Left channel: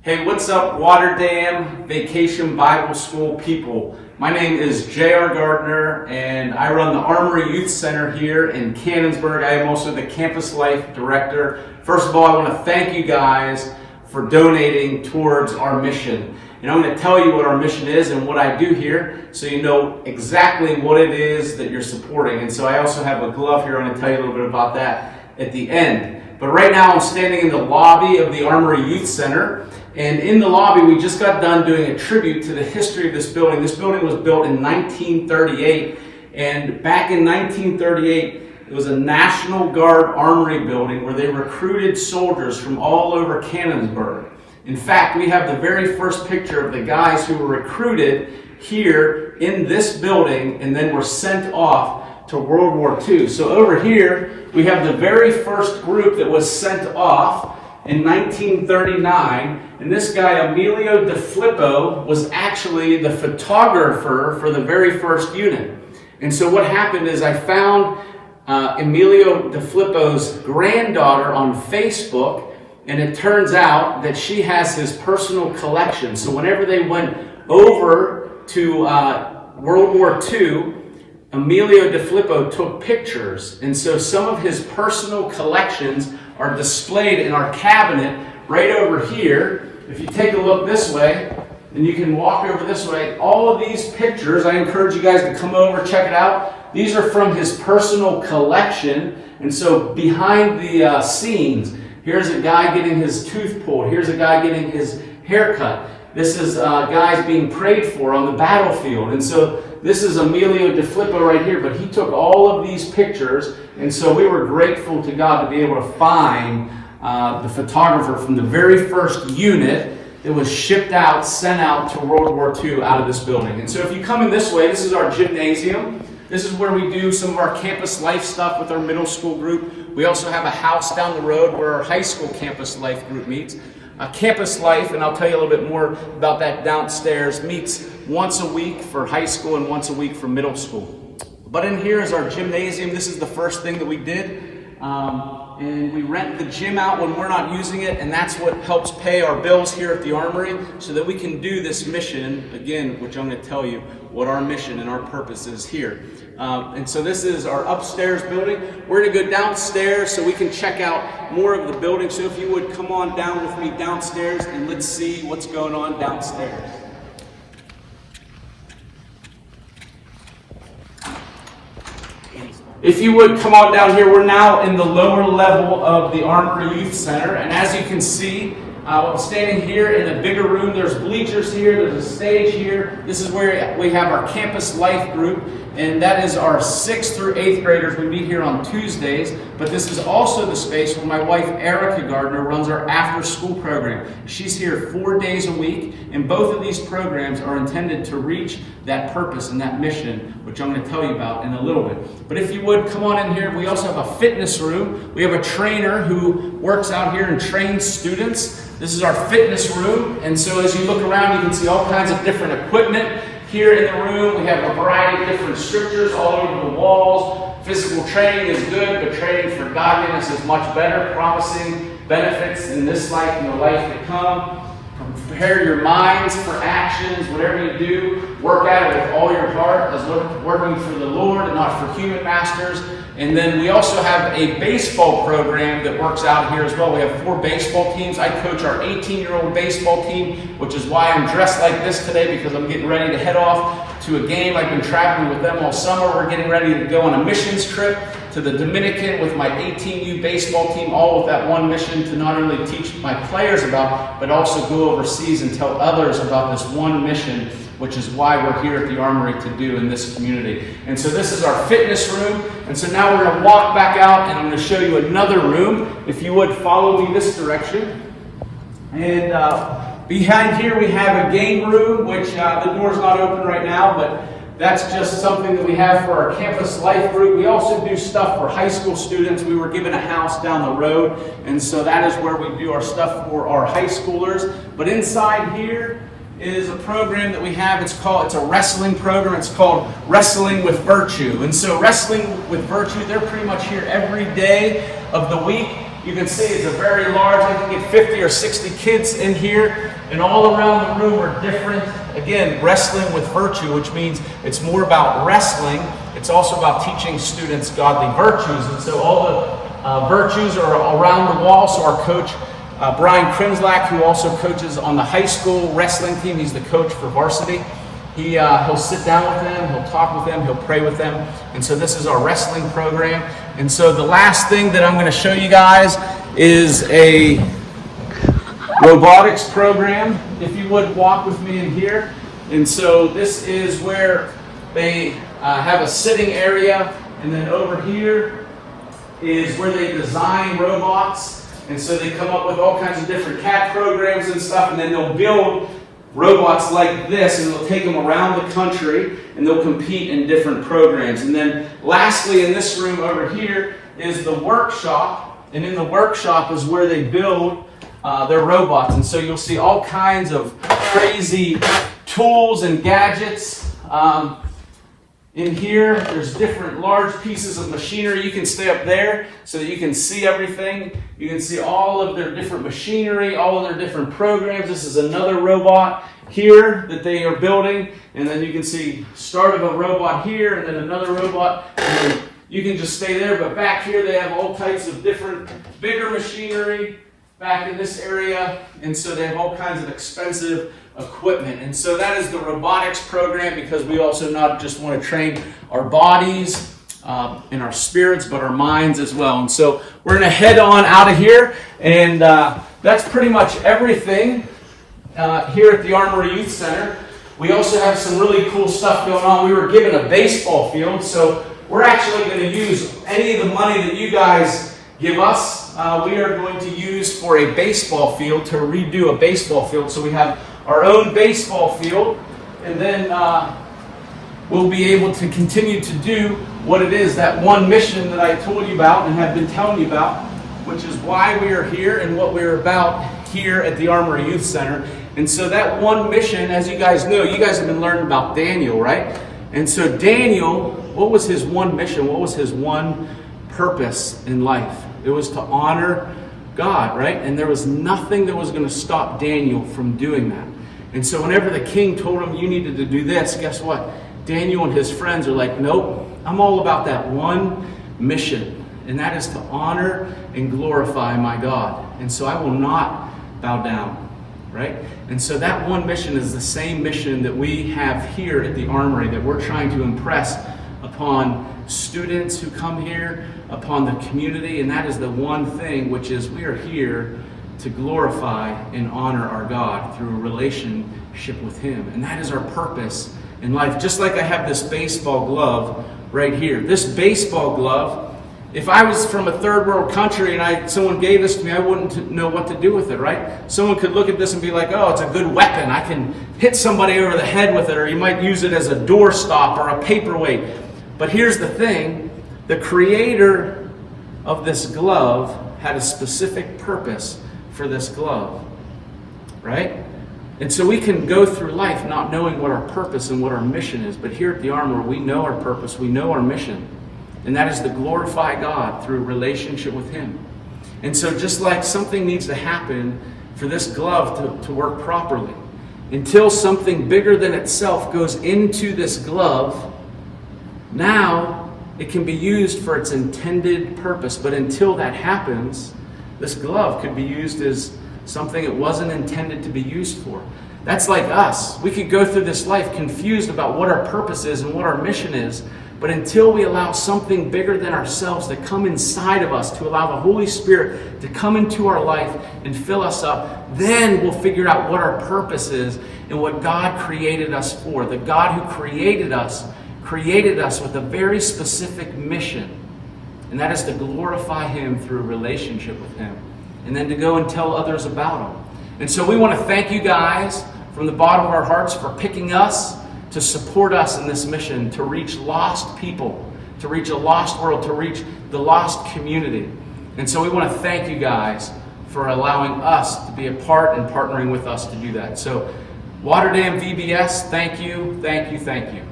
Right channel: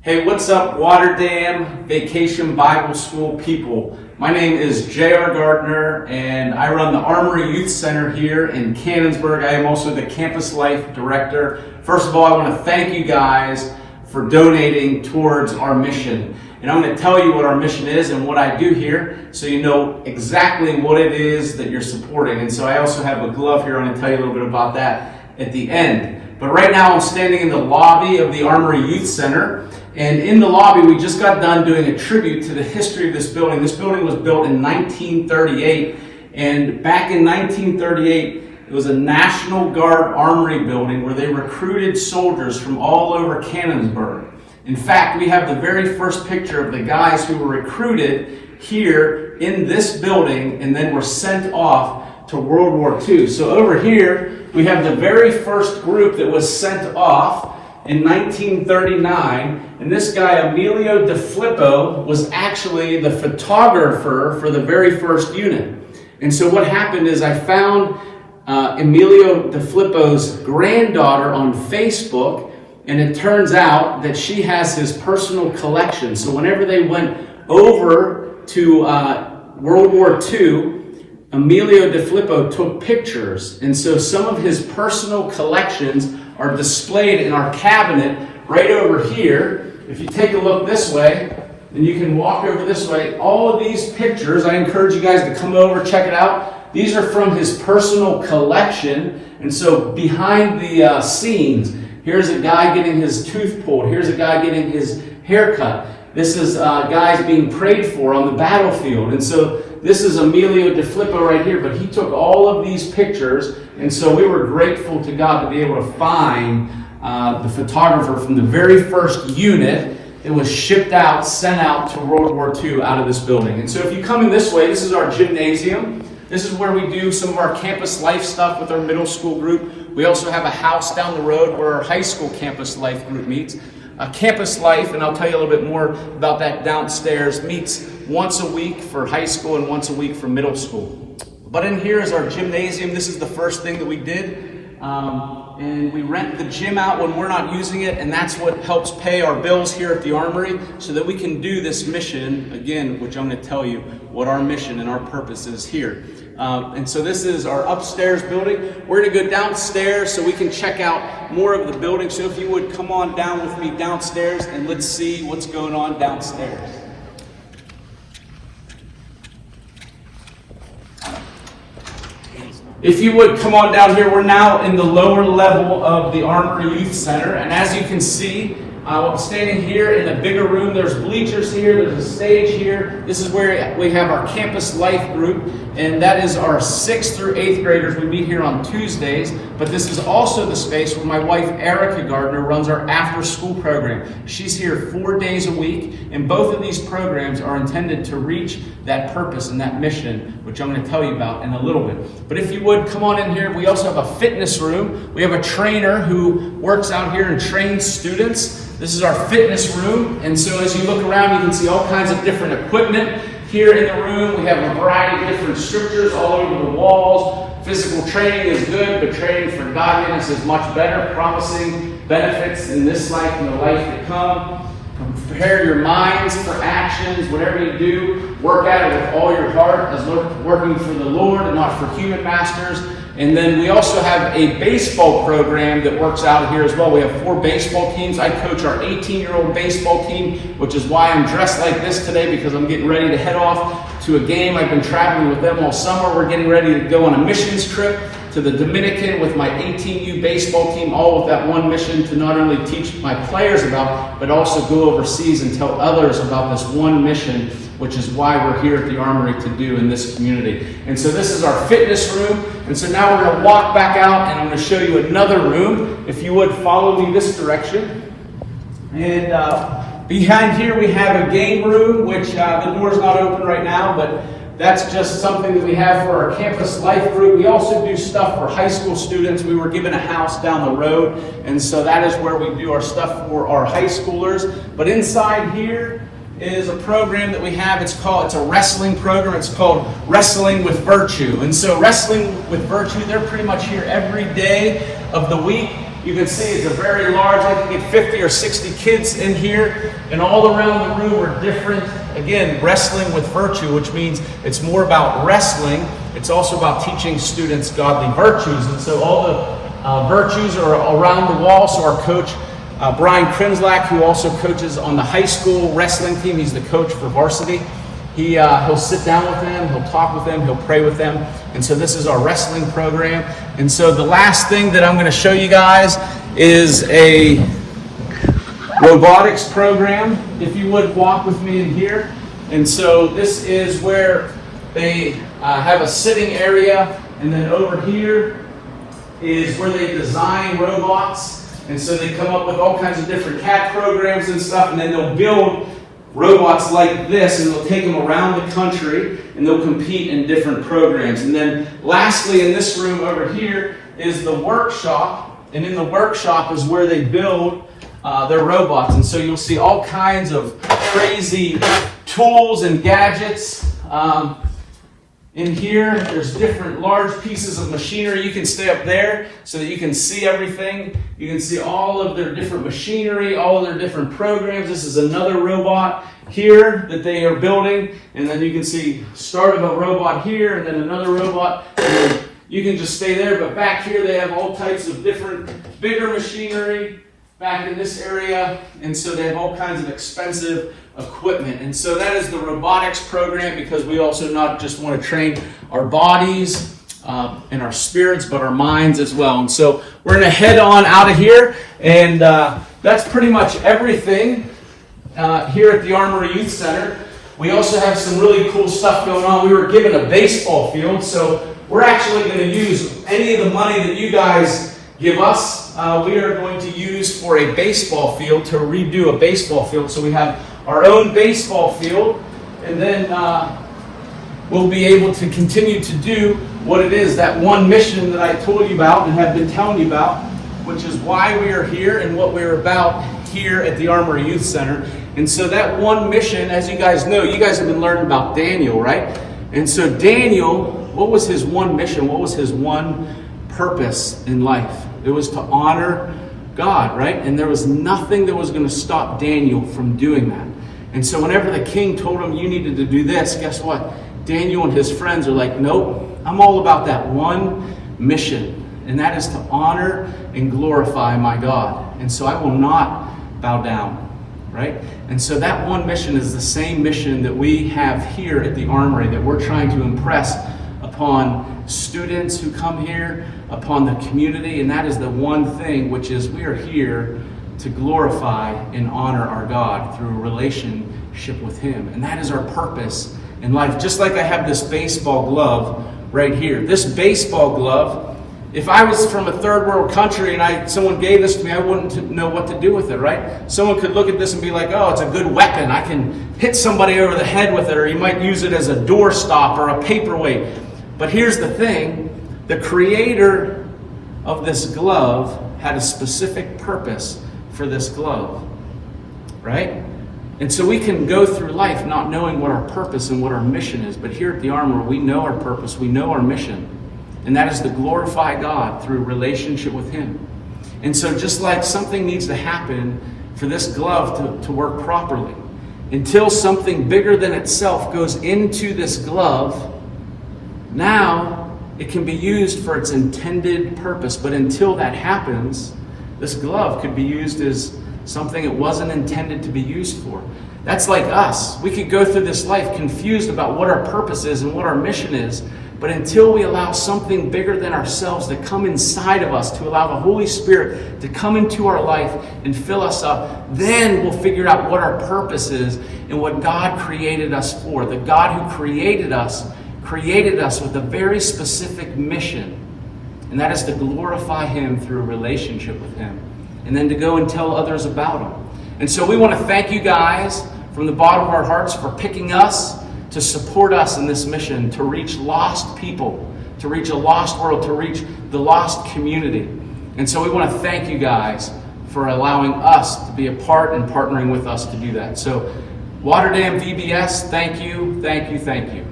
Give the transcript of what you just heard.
Hey, what's up, Waterdam Vacation Bible School people? My name is J.R. Gardner, and I run the Armory Youth Center here in Canonsburg. I am also the Campus Life Director. First of all, I want to thank you guys for donating towards our mission. And I'm going to tell you what our mission is and what I do here so you know exactly what it is that you're supporting. And so I also have a glove here. I'm going to tell you a little bit about that at the end. But right now I'm standing in the lobby of the Armory Youth Center. And in the lobby, we just got done doing a tribute to the history of this building. This building was built in 1938. And back in 1938, it was a National Guard Armory building where they recruited soldiers from all over Canonsburg. In fact, we have the very first picture of the guys who were recruited here in this building and then were sent off to World War II. So over here, we have the very first group that was sent off in 1939. And this guy, Emilio De Filippo, was actually the photographer for the very first unit. And so what happened is I found Emilio De Filippo's granddaughter on Facebook, and it turns out that she has his personal collection. So whenever they went over to World War II, Emilio De Filippo took pictures. And so some of his personal collections are displayed in our cabinet right over here. If you take a look this way, and you can walk over this way, all of these pictures, I encourage you guys to come over, check it out. These are from his personal collection. And so behind the scenes, here's a guy getting his tooth pulled. Here's a guy getting his hair cut. This is guys being prayed for on the battlefield. And so this is Emilio De Filippo right here, but he took all of these pictures. And so we were grateful to God to be able to find the photographer from the very first unit that was shipped out, sent out to World War II out of this building. And so if you come in this way, this is our gymnasium. This is where we do some of our campus life stuff with our middle school group. We also have a house down the road where our high school campus life group meets. Campus Life, and I'll tell you a little bit more about that downstairs, meets once a week for high school and once a week for middle school. But in here is our gymnasium. This is the first thing that we did. And we rent the gym out when we're not using it, and that's what helps pay our bills here at the Armory so that we can do this mission, again, which I'm going to tell you what our mission and our purpose is here. And so this is our upstairs building. We're going to go downstairs so we can check out more of the building. So if you would come on down with me downstairs and let's see what's going on downstairs. If you would come on down here, we're now in the lower level of the Armory Youth Center. And as you can see, standing here in a bigger room, there's bleachers here, there's a stage here. This is where we have our campus life group, and that is our 6th through 8th graders. We meet here on Tuesdays, but this is also the space where my wife, Erica Gardner, runs our after-school program. She's here 4 days a week, and both of these programs are intended to reach that purpose and that mission, which I'm going to tell you about in a little bit. But if you would, come on in here. We also have a fitness room. We have a trainer who works out here and trains students. This is our fitness room, and so as you look around, you can see all kinds of different equipment here in the room. We have a variety of different scriptures all over the walls. Physical training is good, but training for godliness is much better, promising benefits in this life and the life to come. Prepare your minds for actions. Whatever you do, work at it with all your heart as working for the Lord and not for human masters. And then we also have a baseball program that works out here as well. We have 4 baseball teams. I coach our 18-year-old baseball team, which is why I'm dressed like this today, because I'm getting ready to head off to a game. I've been traveling with them all summer. We're getting ready to go on a missions trip to the Dominican with my 18U baseball team, all with that one mission to not only teach my players about, but also go overseas and tell others about this one mission, which is why we're here at the Armory to do in this community. And so this is our fitness room. And so now we're going to walk back out, and I'm going to show you another room. If you would follow me this direction. And behind here we have a game room, which the door's not open right now, but that's just something that we have for our campus life group. We also do stuff for high school students. We were given a house down the road, and so that is where we do our stuff for our high schoolers. But inside here is a program that we have. It's a wrestling program. It's called Wrestling with Virtue. And so Wrestling with Virtue, they're pretty much here every day of the week. You can see it's a very large, I can get 50 or 60 kids in here, and all around the room are different, again, wrestling with virtue, which means it's more about wrestling. It's also about teaching students godly virtues. And so all the virtues are around the wall. So our coach, Brian Krinslak, who also coaches on the high school wrestling team, he's the coach for varsity. He'll sit down with them, he'll talk with them, he'll pray with them. And so this is our wrestling program. And so the last thing that I'm going to show you guys is a robotics program. If you would walk with me in here. And so this is where they have a sitting area, and then over here is where they design robots. And so they come up with all kinds of different CAD programs and stuff, and then they'll build robots like this, and they'll take them around the country, and they'll compete in different programs. And then lastly, in this room over here is the workshop, and in the workshop is where they build their robots. And so you'll see all kinds of crazy tools and gadgets. In here, there's different large pieces of machinery. You can stay up there so that you can see everything. You can see all of their different machinery, all of their different programs. This is another robot here that they are building. And then you can see start of a robot here, and then another robot. And then you can just stay there. But back here, they have all types of different bigger machinery back in this area. And so they have all kinds of expensive equipment. And so that is the robotics program, because we also not just want to train our bodies and our spirits, but our minds as well. And so we're going to head on out of here, and that's pretty much everything here at the Armory Youth Center. We also have some really cool stuff going on. We were given a baseball field, so we're actually going to use any of the money that you guys give us. We are going to use for a baseball field, to redo a baseball field. So we have our own baseball field, and then we'll be able to continue to do what it is, that one mission that I told you about and have been telling you about, which is why we are here and what we're about here at the Armory Youth Center. And so that one mission, as you guys know, you guys have been learning about Daniel, right? And so Daniel, what was his one mission? What was his one purpose in life? It was to honor God, right? And there was nothing that was going to stop Daniel from doing that. And so whenever the king told him you needed to do this, guess what? Daniel and his friends are like, nope, I'm all about that one mission. And that is to honor and glorify my God. And so I will not bow down, right? And so that one mission is the same mission that we have here at the Armory, that we're trying to impress upon students who come here, upon the community. And that is the one thing, which is we are here to glorify and honor our God through a relationship with Him. And that is our purpose in life. Just like I have this baseball glove right here. This baseball glove, if I was from a third world country and someone gave this to me, I wouldn't know what to do with it, right? Someone could look at this and be like, oh, it's a good weapon. I can hit somebody over the head with it, or you might use it as a doorstop or a paperweight. But here's the thing, the creator of this glove had a specific purpose for this glove, right? And so we can go through life not knowing what our purpose and what our mission is, but here at the Armory, we know our purpose, we know our mission, and that is to glorify God through relationship with Him. And so just like something needs to happen for this glove to work properly, until something bigger than itself goes into this glove, now it can be used for its intended purpose. But until that happens, this glove could be used as something it wasn't intended to be used for. That's like us. We could go through this life confused about what our purpose is and what our mission is, but until we allow something bigger than ourselves to come inside of us, to allow the Holy Spirit to come into our life and fill us up, then we'll figure out what our purpose is and what God created us for. The God who created us with a very specific mission, and that is to glorify Him through a relationship with Him, and then to go and tell others about Him. And so we want to thank you guys from the bottom of our hearts for picking us to support us in this mission, to reach lost people, to reach a lost world, to reach the lost community. And so we want to thank you guys for allowing us to be a part and partnering with us to do that. So Waterdam VBS, thank you, thank you, thank you.